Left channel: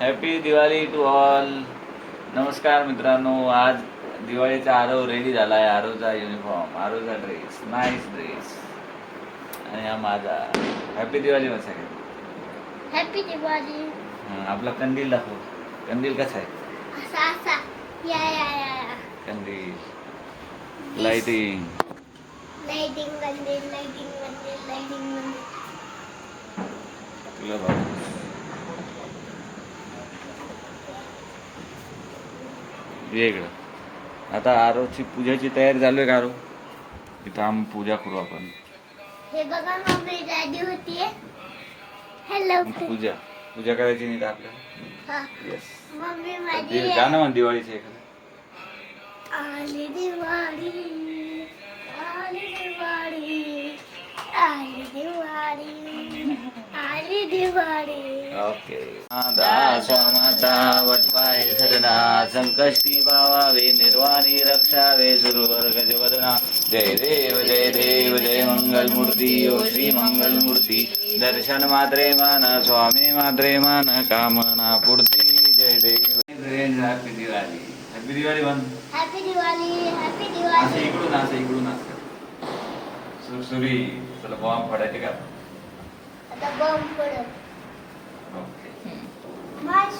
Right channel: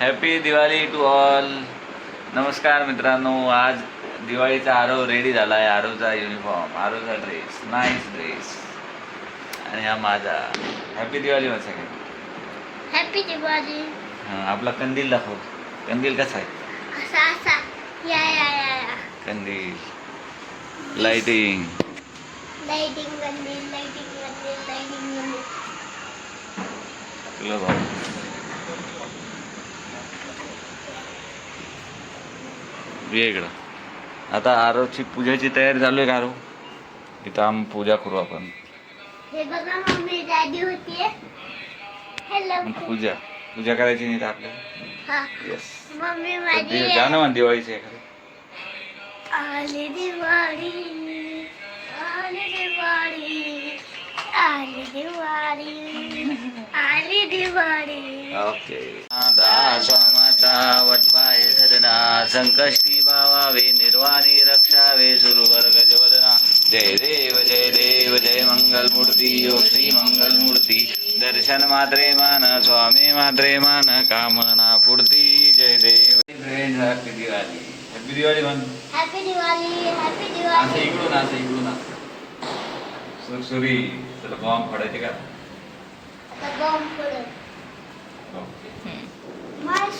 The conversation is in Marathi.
Happy Diwali to all. नमस्कार मित्रांनो, आज दिवाळीचा आरव रेडी झाला आहे. आरवचा युनिफॉर्म, आरवचा ड्रेस, नाईस ड्रेस. आणि हा माझा. हॅपी दिवाळी माझा. हॅपी दिवाळी. आपला कंदील दाखव. कंदील कसा आहे? असा असा या या या कंदील, लाइटिंग. लाइटिंग कंदील, लाइटिंग कंदील, लाइटिंग कंदील. तुला भाऊ ये इकडं. आता आरवची पूजेची तयारी चालू आहे. आरव इथं आम्ही पूजा करू आपण. हे बघा मम्मी रेडी होतीये. हॅलो पूजा पूजा करायची नाही का आपल्याला? हा येस. मम्मी माझी गाणं म्हण दिवाळीचं एखादं. आली दिवाळी, आली दिवाळी, आली दिवाळी, आली दिवाळी. ओके. सोमाचा वटवाय सदना, संकष्टी भावावे, निर्वाणी रक्षावे, सुरवर गजवदना. जय देव जय मंगलमूर्ती, ओ श्री मंगलमूर्ती. दर्शन मात्रे मान, स्वामी मात्रे मान, कामना पूर्ती. जय देव. हॅपी दिवाळी. हॅपी दिवाळी म्हण. हॅपी दिवाळी, हॅपी असं दिवाळी. इकडून असं इकडून असं सुरसुरी. चला बॉम्ब फोडायचे का? आता बॉम्ब पडत. ओके. मार्श